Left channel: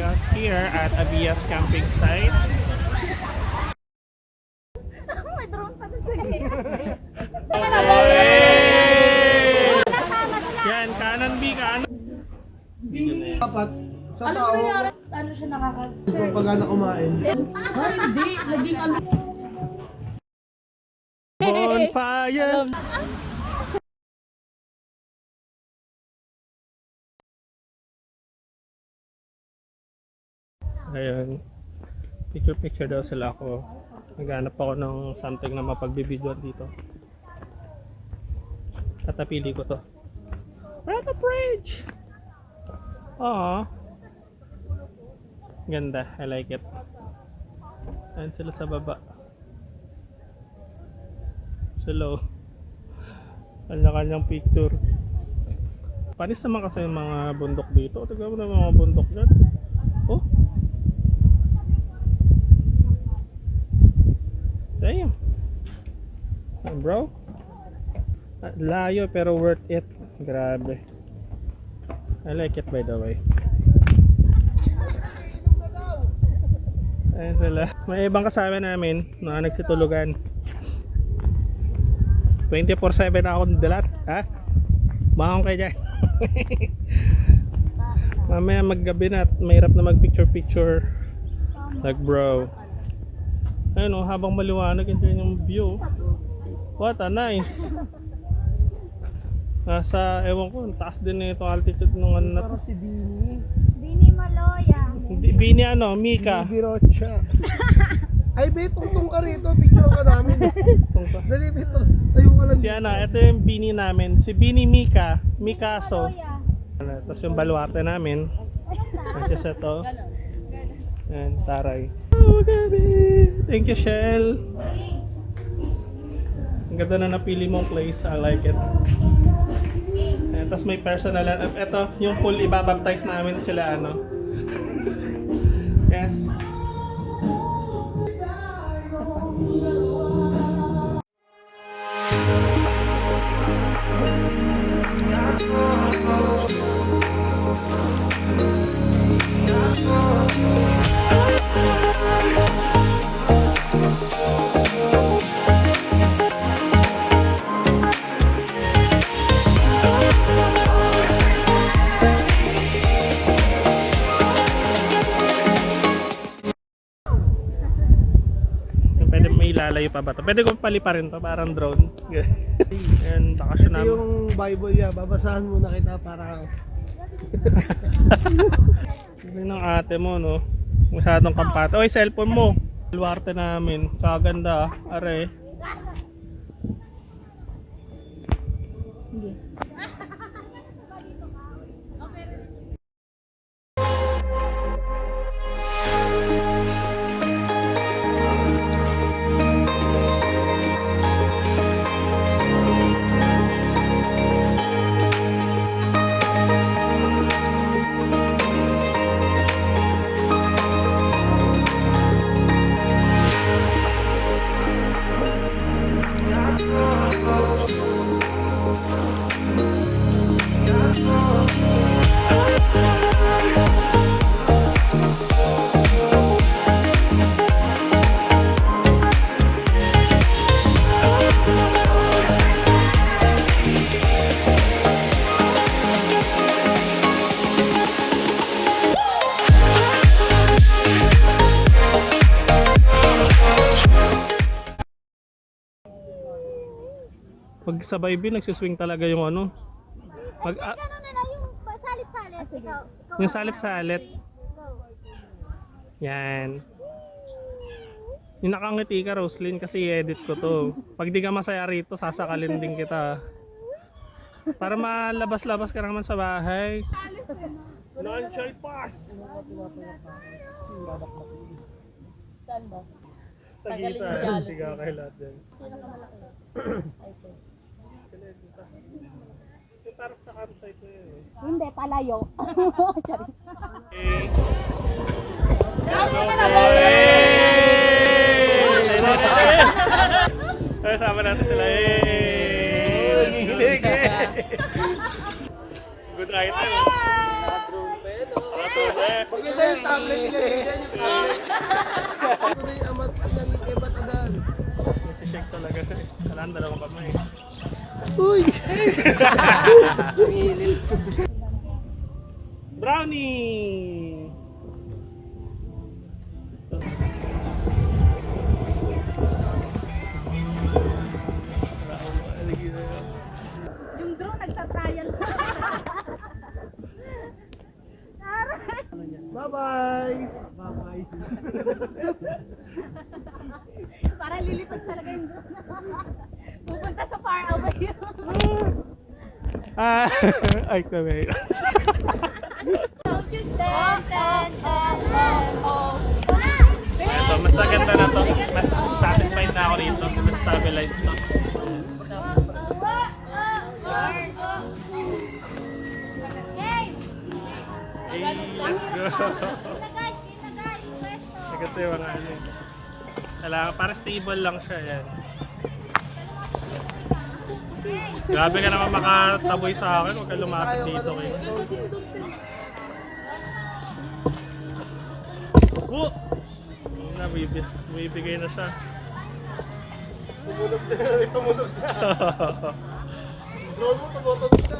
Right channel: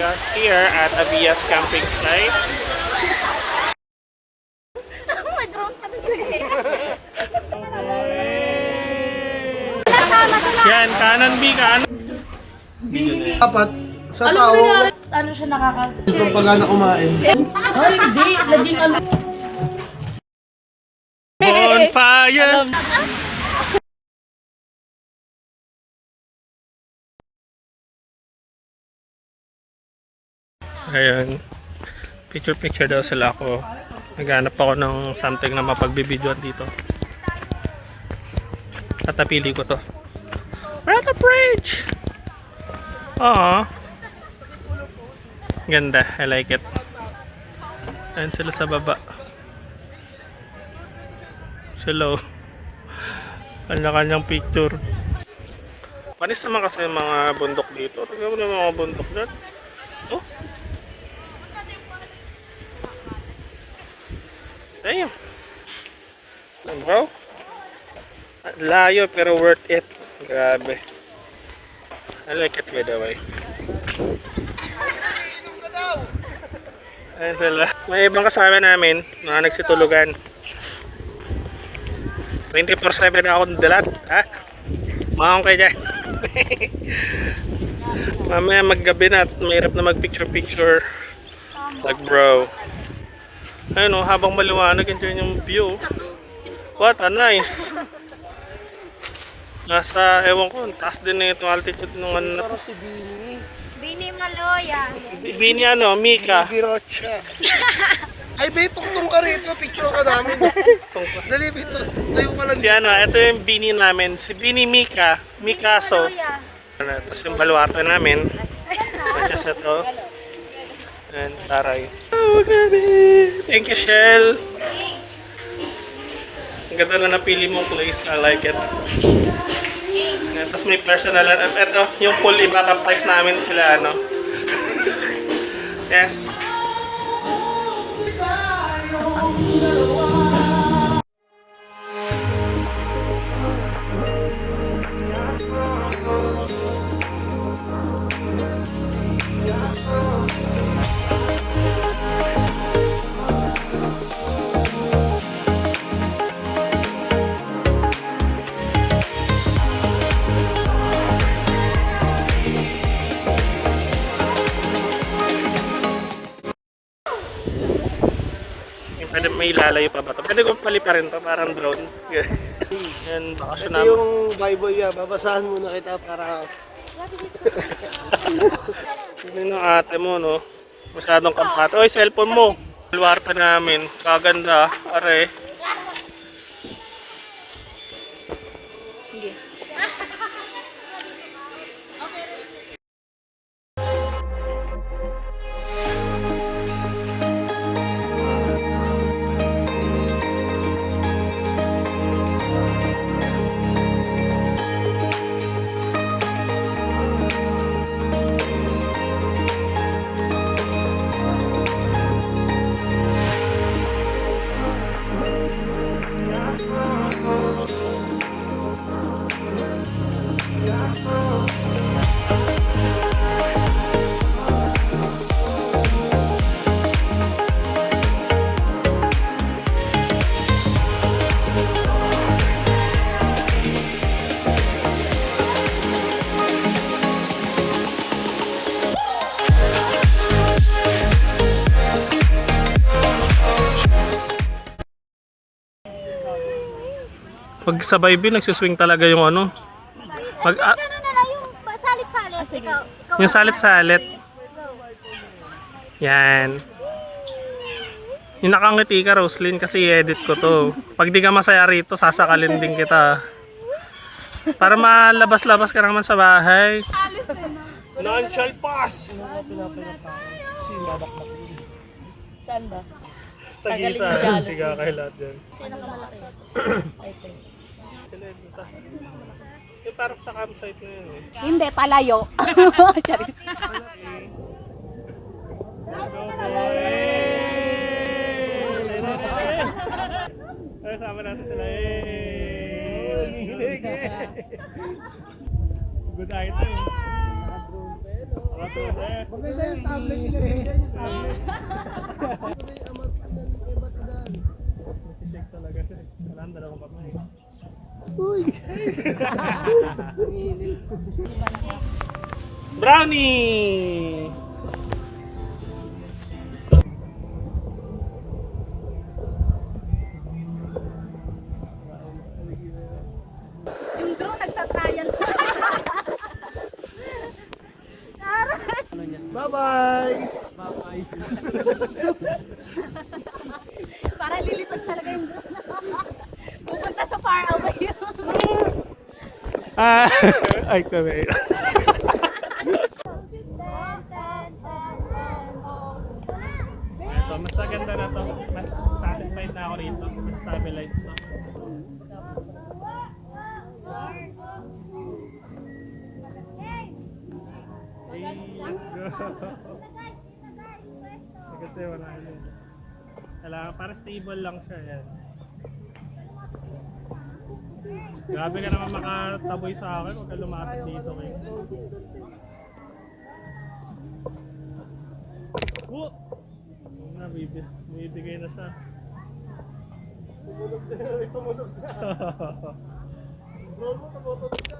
We are here at Avias camping site. May drone pa dun sila. Yan, kanan B, kanan. Dapat sa tao, Ano siya nakaka... kung pagana kumain. Ay, hindi. Naging ano. Bonfire! Ayan. Picture daw sila ako. Naghanap ako ng something na mapagbibidyoan dito. At napili ko to. We're at the bridge! Aww. Ganda. I like it. Ayan sila sa baba. Sila. Kanya-kanyang picture. Panis naman kasi yung mga bundok dito. Tignan mo na yung mga bundok dyan. Oh. Damn. Bro. Layo pero worth it. Grabe. I like it by the way. Ayan sila. May ibang kasama namin. Mga nagsitulugan. 24/7 akong dalat. Ha? Mahong kayo dyan. Mamaya maggabi na at mahirap na mag picture. Like bro. Ayun o, habang maliwanag, enjoy yung view. What a nice. Nasa, ewan ko, taas din na itong altitude ng ano na to. Si Bini. Bini Maloya. Bini ano, Mika. Birocha. Ay, be, tungtong ka rito. Picture ka namin. Dali, be, tayo ka lang. Si ano, ito yung Bini namin. Si Bini Mika. Mikaso. Tapos yung baluarte namin. Tapos ito. And taray. Oh, gabi. Thank you, Shell. Ang ganda na napili mong place. I like it. And tapos may personal. At ito, yung pool, ibabaptize namin sila, ano. Yes. Pwede may lalayo pa ba ito? Pwede kong paliparin to, parang drone. Yan, bakasyon Ito namin. yung Bible niya. Babasahan muna kita para... Tignan ng ate mo, no? Masyadong kampate. Oy, cellphone mo! Luwarta namin. Kaganda, are. Pag sa Bible, nagsiswing talaga yung ano. Pag, Ano na lang yung salit-salit. Ikaw yung salit-salit. Yan. Yung nakangiti ka, Roslyn, kasi i-edit ko to. Pag di ka masaya rito, sasakalin din kita. Para malabas-labas ka naman sa bahay. Non-shall pass! Si babakbak. Saan ba? Tag-isa, tiga kay lahat dyan. Pinakamalaki. Sila yung taas. Yung parang sa campsite na yun eh. Hindi, palayo. Charit. Ay, sama natin sila. Good item. Drone pa yun, oh. Maganda yung tablet nila dyan, yung tablet. Ito na yung amat ng ibat adan. Nagsishake talaga. Kailangan dalawang kamay. Uy! Brownie! Yung drone nagtatrial. Bye-bye! Para lilipad talaga yung drone. Pupunta sa far away. Ay, kami. Ito, mas maganda na to. Mas satisfied na ako rito. Mas stabilized to. Hey, let's go. Ito yung mga ano. Kailangan, para stable lang siya. Yan. Grabe ka naman makataboy sa akin. Huwag ka lumapit dito kayo. Oh! Na, bibigay na siya. Tumunog na, tumunog na. Drone mo, tumutunog na.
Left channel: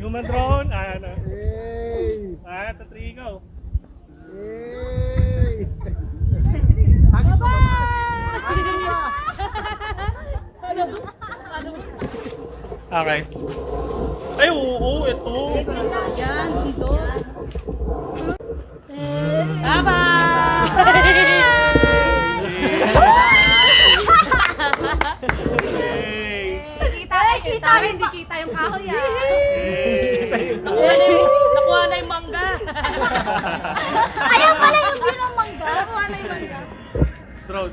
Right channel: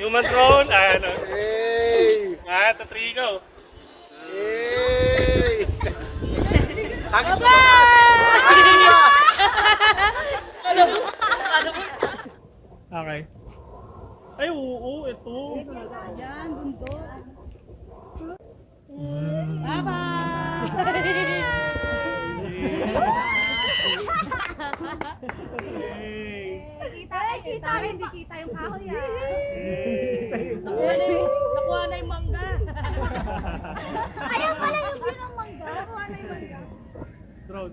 Human drone, ano? Hey! Tatrigo. Hey! Hagis mo! Okay. Ay, oo, ito. Yan, bundok. Hey. Kita, hindi kita yung kahoy ah. Hey. Nakuha na yung mangga. Ayaw pala yung binong mangga. Nakuha na yung mangga. Drone.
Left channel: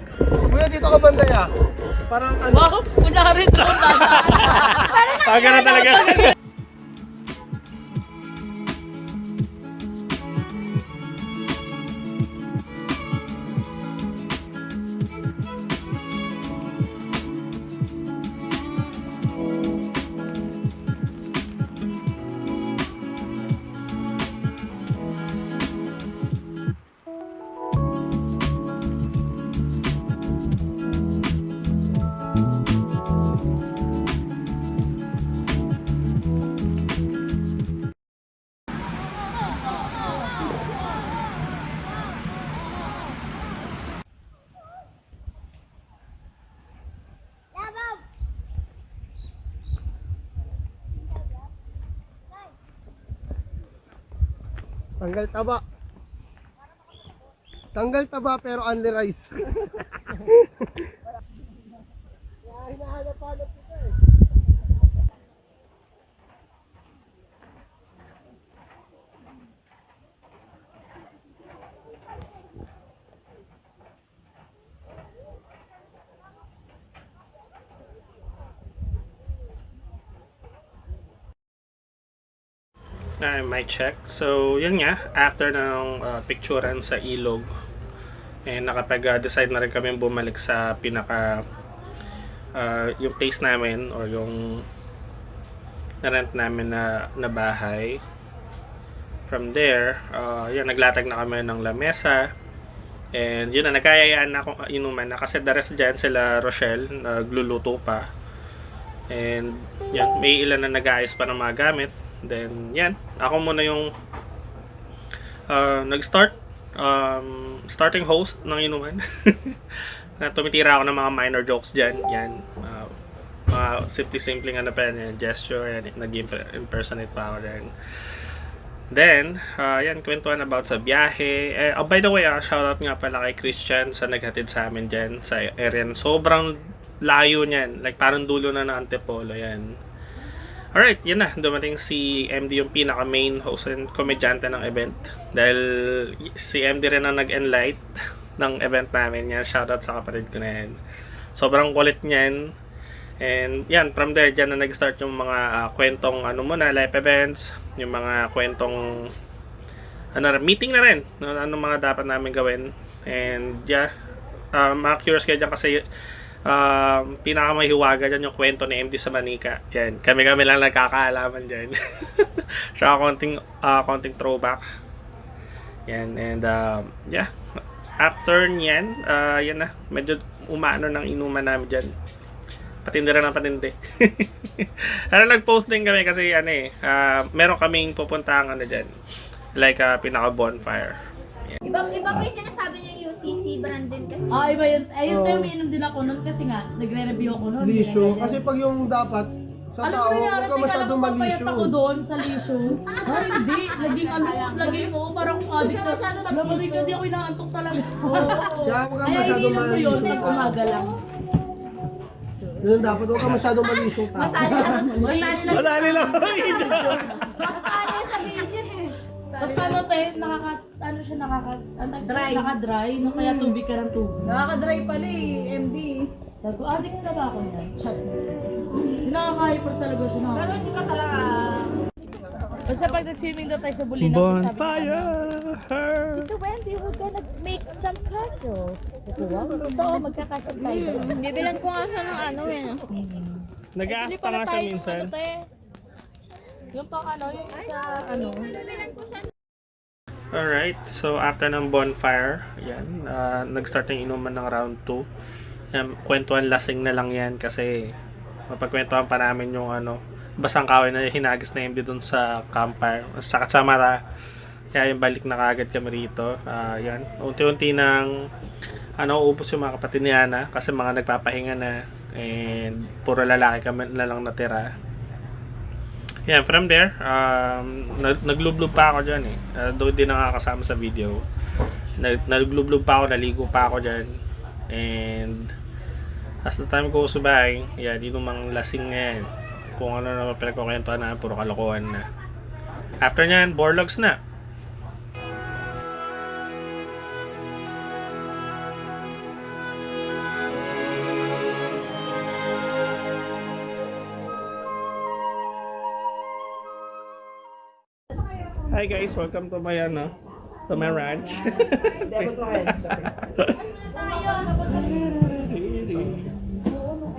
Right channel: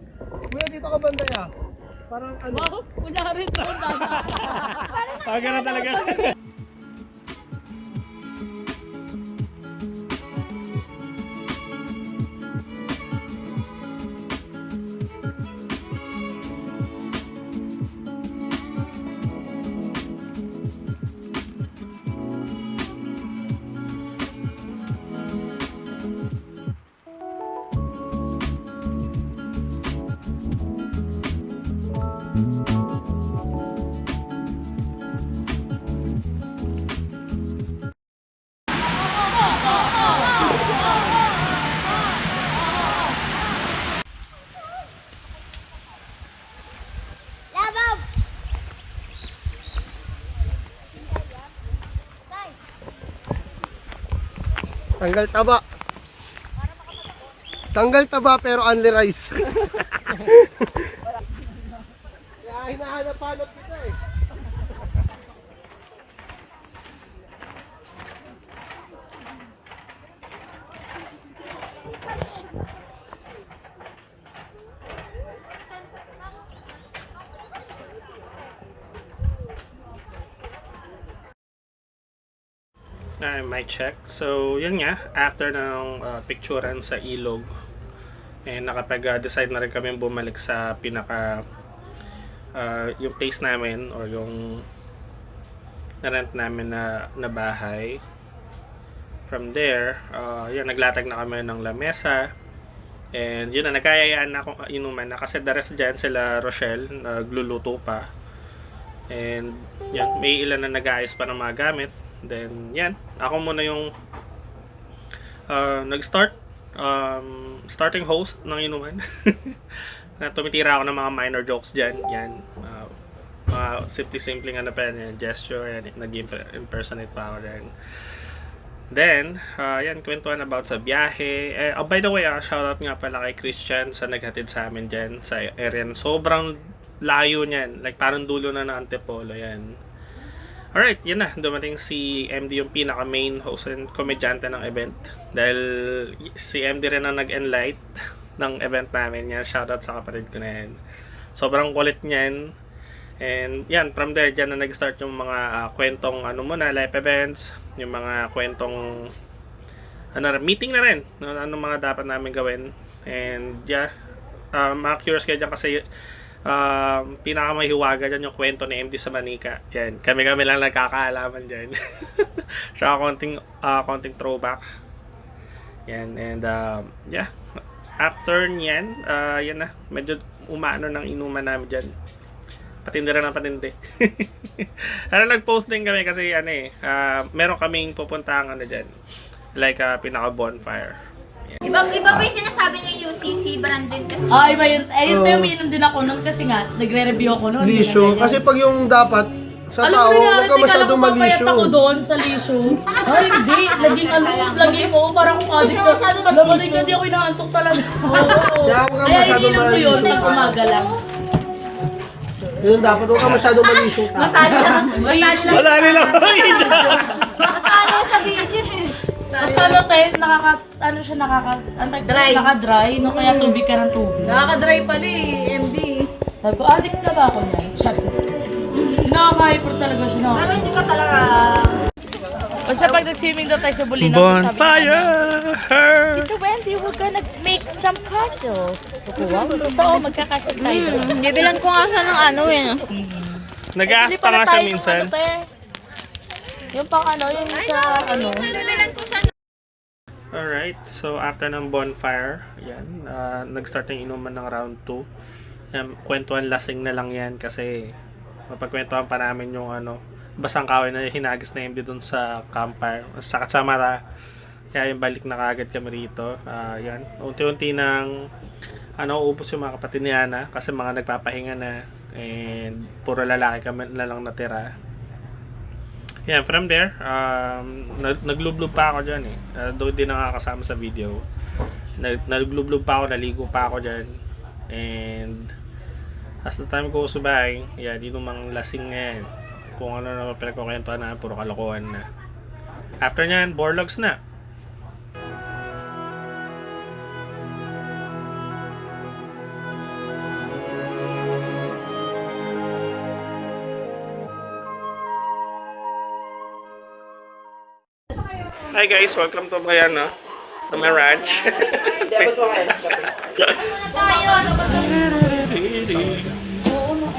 Kuya, dito ka banda ya. Parang ano? Wow, kunyari drone na. Pagano talaga. Labaw! Tanggal taba. Tanggal taba pero only rice. Kaya hinahanap-hanap kita eh. Mic check. So, yun nga. After ng picturean sa ilog, nakapag-decide na rin kami bumalik sa pinaka yung place namin or yung na-rent namin na bahay. From there, naglatag na kami ng lamesa. And yun na, nagkayayaan na akong inuman na kasi the rest dyan sila Rochelle, nagluluto pa. And yan, may ilan na nag-aayos pa ng mga gamit. Then yan, ako muna yung nag-start starting host ng inuman. Na tumitira ako ng mga minor jokes dyan. Yan, mga simple ano pa yan, gesture, yan, nag-impersonate pa ako dyan. Then, yan, kwentuhan about sa biyahe. By the way, shoutout nga pala kay Christian sa naghatid sa amin dyan sa area. Sobrang layo niyan. Like, parang dulo na ng Antipolo, yan. Alright, yan na. Dumating si MD, yung pinaka-main host and komedyante ng event. Dahil si MD rin ang nag-enlight ng event namin. Yan, shoutout sa kapatid ko na yan. Sobrang kulit niyan. And yan, from there, dyan na nag-start yung mga kwentong live events, yung mga kwentong meeting na rin, ano mga dapat namin gawin. And yeah, mga curious kayo dyan kasi pinakamahiwaga dyan yung kwento ni MD sa Manika. Yan, kami-kami lang nagkakaalaman dyan. Tsaka konting throwback. Yan, and yeah. After nyan, yan na, medyo umano ng inuman namin dyan. Patindi rin ng patindi. Nag-post din kami kasi meron kaming pupuntahan dyan. Like pinaka-bonfire. Iba pa yung sinasabi niya UCC brand din kasi. Iba yun. Ayun tayo, umiinom din ako nun kasi nga, nagre-review ako nun. Lisyo. Kasi pag yung dapat sa tao, huwag ka masyadong malisyo. malisyo. Ako doon sa lisyo. Ay, hindi. Lagi mo, parang kung addict ka. Lamanig ka, di ako inaantok talaga. Kaya huwag ka Kaya masyadong ininom ko yun, malisyo. pag umaga lang. Yun dapat, huwag ka masyadong malisyo. Wala nila. Masalo sa video eh. Tapos Dry. naka-dry, no? Kaya tubig ka ng tubig. Nakaka-dry pala eh, MD. Sabi ko, addict na ba ako niyan? Sorry. Nakaka-hyper talaga siya na. Pero hindi ka talaga... Basta pag nag-swimming daw tayo sa Bulinaw, Bonfire! Tito Wendy, we're gonna make some castle. Wow, totoo, magkakasal tayo doon. Bibilan ko nga siya ng ano eh. Nag-aas pa nga siya minsan. Yung pang ano, yung sa ano. Bibilan ko siya. Alright, so after ng bonfire, yan, nag-start ng inuman ng round 2. Yan, kwentuhan lasing na lang yan kasi mapagkwentuhan pa namin yung basang kawin na hinagis na MD dun sa campfire, sa Katsamara. Kaya yung balik na kagad kami rito. Yan, unti-unti nang ubos yung mga kapatid ni Ana kasi mga nagpapahinga na and puro lalaki kami na lang natira. Yan, from there, naglublub pa ako dyan eh. Doon din nakakasama sa video. Naglublub pa ako, naligo pa ako dyan. And as the time goes by, yan, yun yung mga lasing ngayon. Kung ano na pinagkukwentuhan na, puro kalokohan na. After nyan, Borlogs na. Hi guys, welcome to my to my ranch.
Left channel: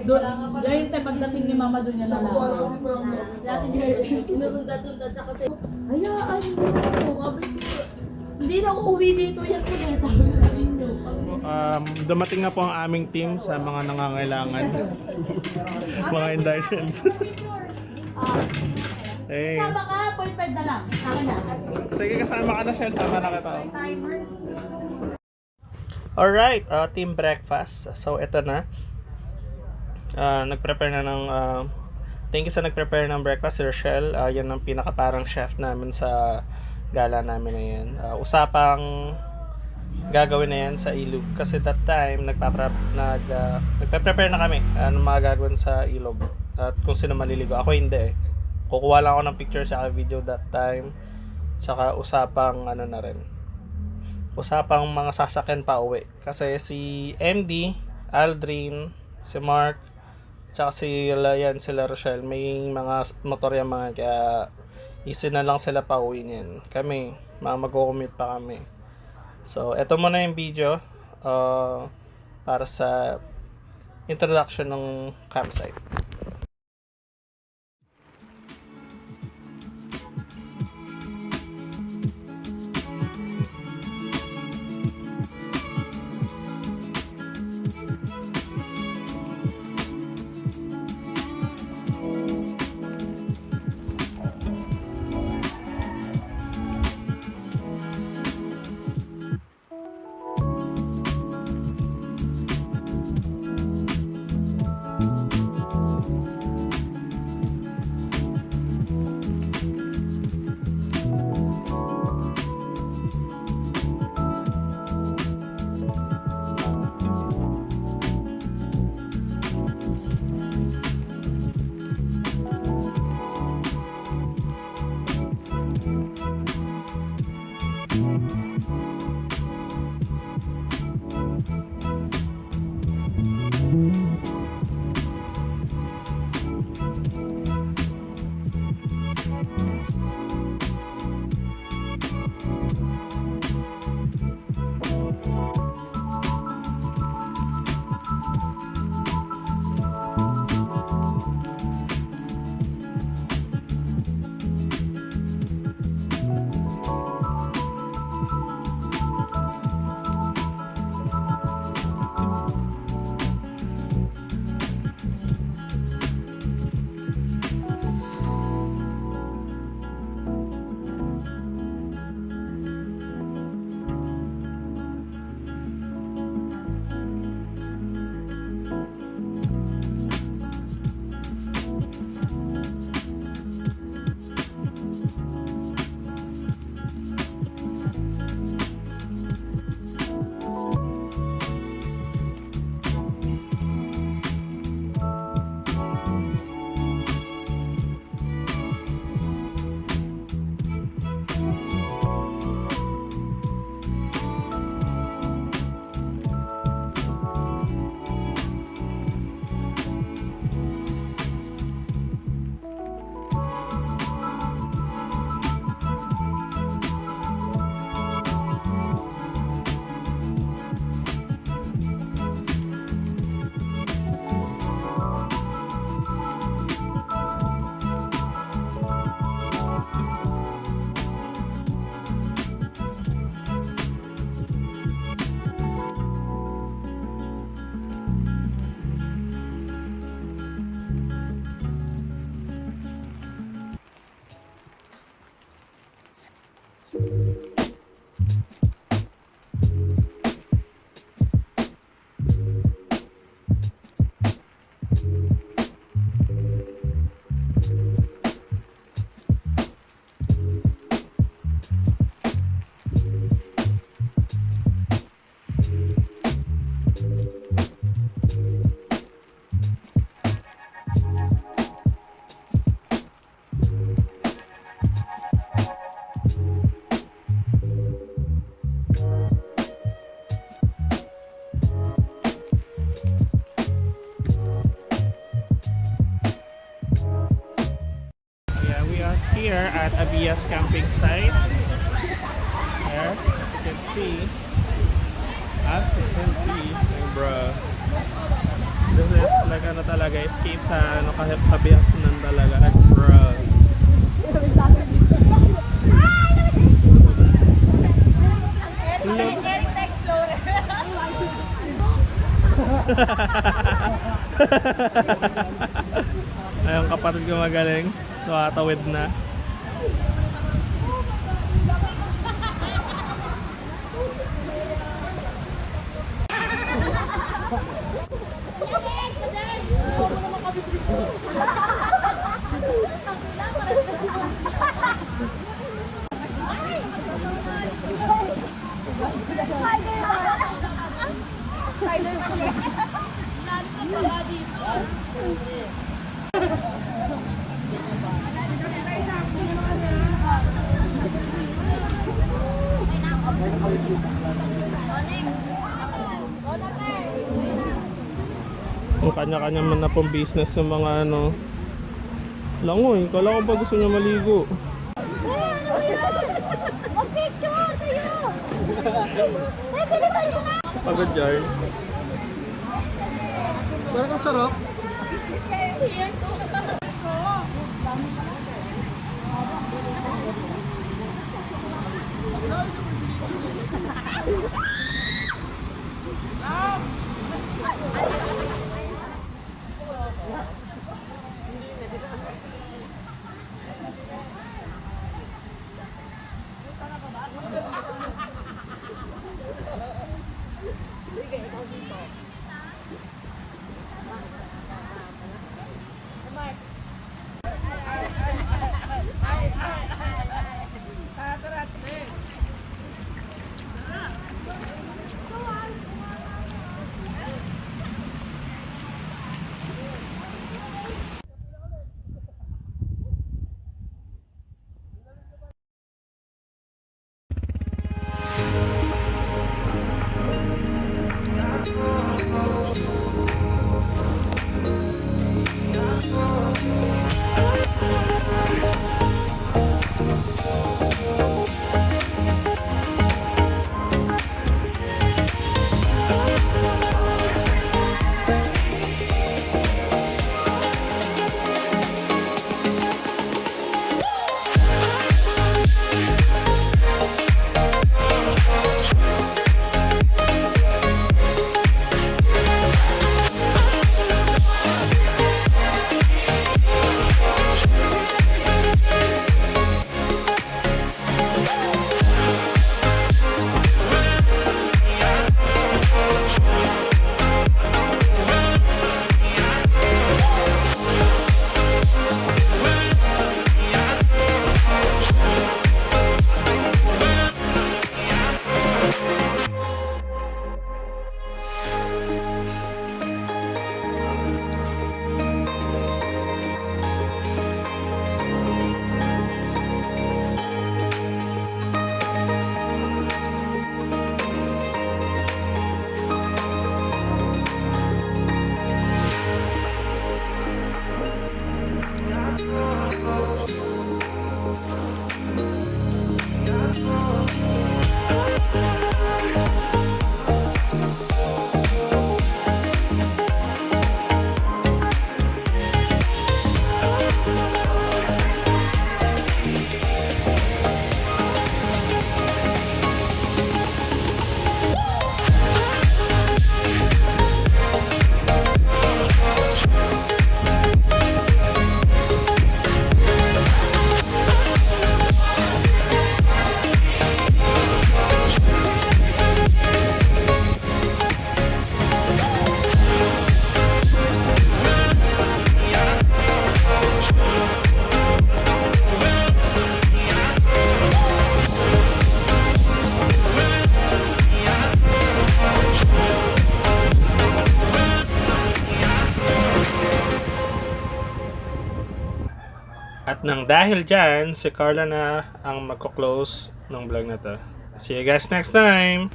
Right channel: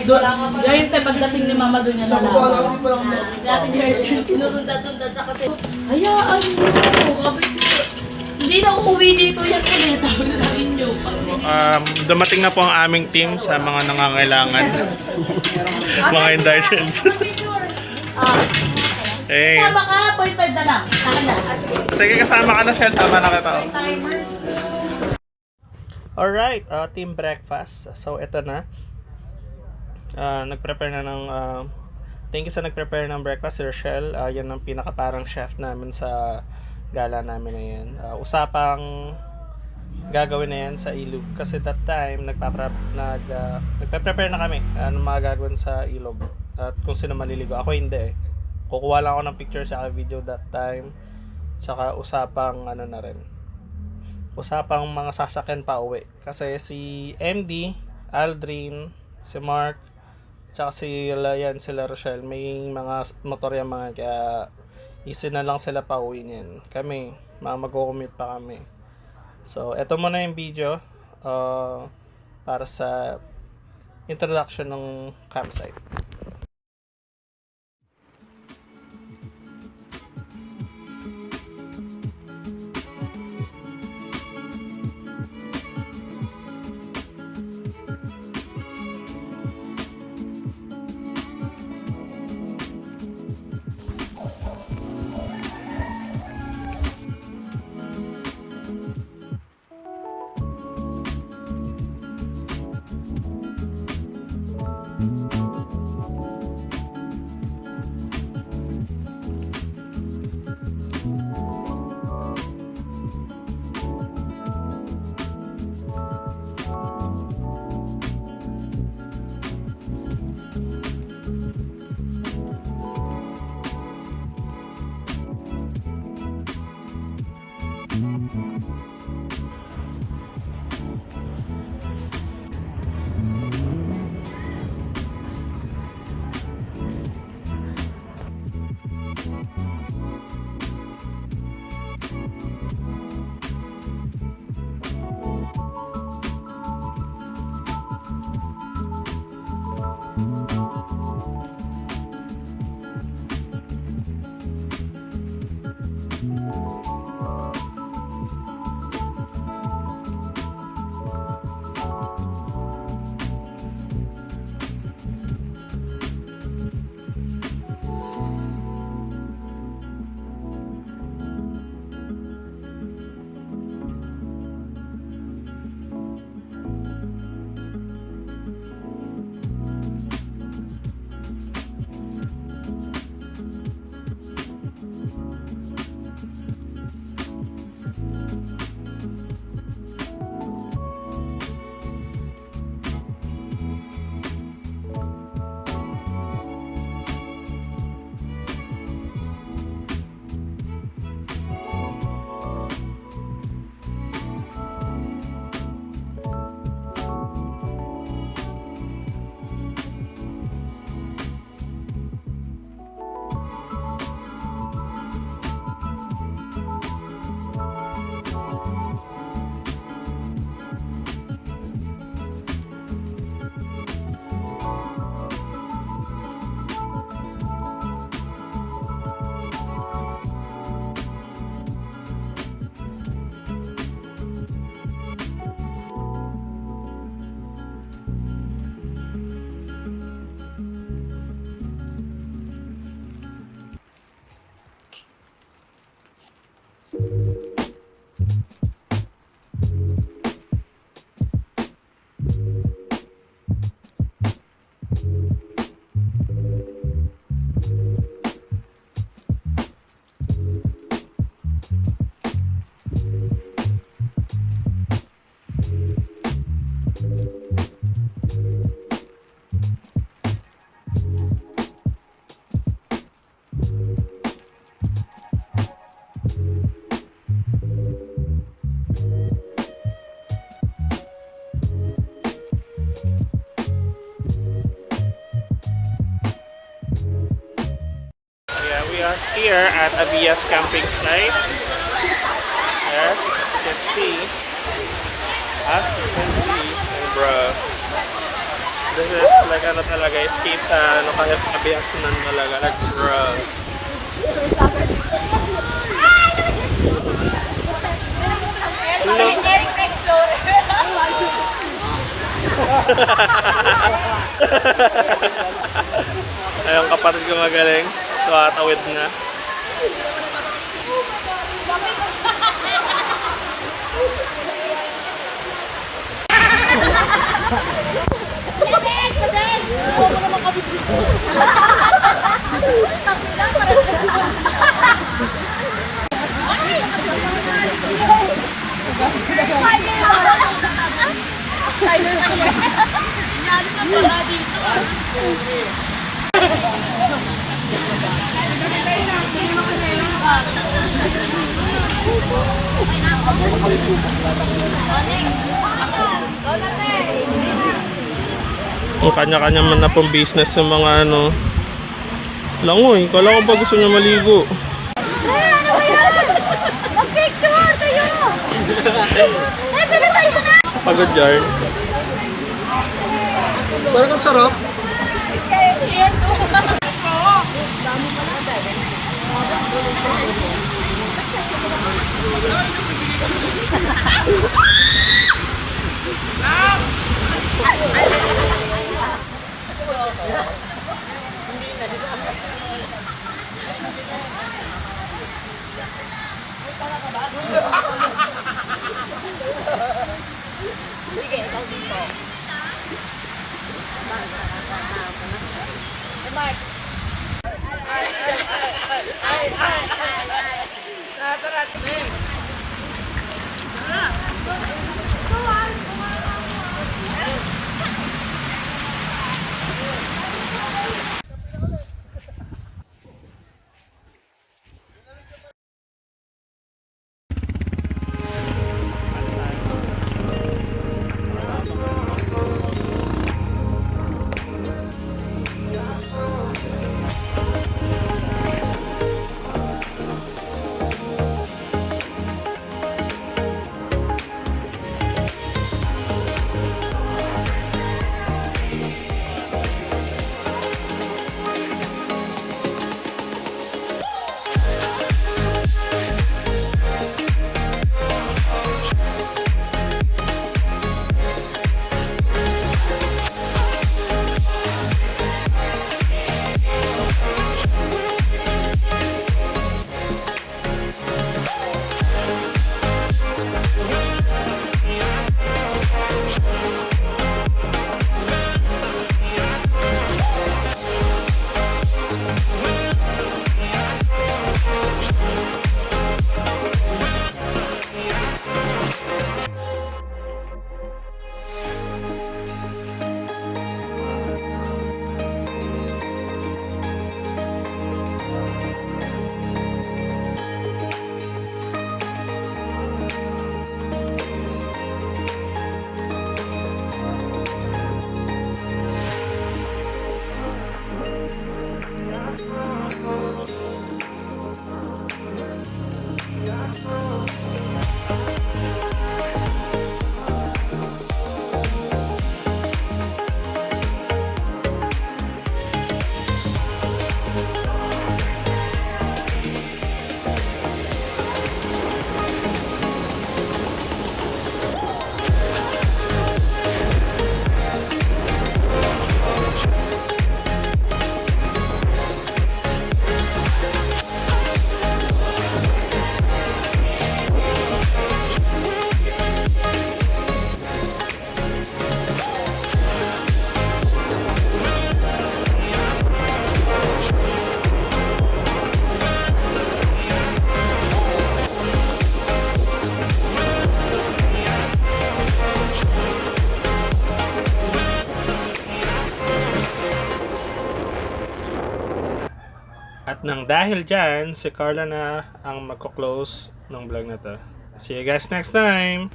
Ngayon tayo pagdating ni Mama doon niya na lang. Dati sinusundan-sundan siya kasi, hayaan mo, sabi ko, hindi na uuwi dito yan ulit, sabi ko sa inyo. Dumating na po ang aming team sa mga nangangailangan. Mga indulgence. Hey. Kasama ka, 0.5 na lang. Saka na. Sige, kasama ka na, Shell. Sama na kita. Alright, team breakfast. So, ito na. Nag-prepare na ng... thank you sa nag-prepare ng breakfast, Sir Shell. Yan ang pinaka-parang chef namin sa gala namin na yan. Usapang gagawin na yan sa ilog. Kasi that time, nagpe-prepare na kami ng mga gagawin sa ilog. At kung sino maliligo. Ako hindi eh. Kukuha lang ako ng picture sa video that time. Tsaka usapang na rin. Usapang mga sasakyan pa uwi. Kasi si MD, Aldrin, si Mark, tsaka sila Rochelle, may mga motor yan mga, kaya easy na lang sila pa uwi niyan. Kami, mag-commute pa kami. So, eto muna yung video para sa introduction ng campsite. Yeah, we are here at Abias camping site. There, as you can see. As you can see, ay bro. This is like ano talaga, escape sa ano kahit Abiasnan talaga. Like bro. Look. Ayun, kapatid ko magaling. Tumatawid na. Ang kanya-kanya man na pong business sa mga ano. Langoy, kala ko ba gusto niya maligo? Mag-picture kayo! Ay, pinasay ko na! Pagod yarn. Parang ang sarap. Nang dahil dyan, si Carla na ang magko-close ng vlog na to. See you guys next time!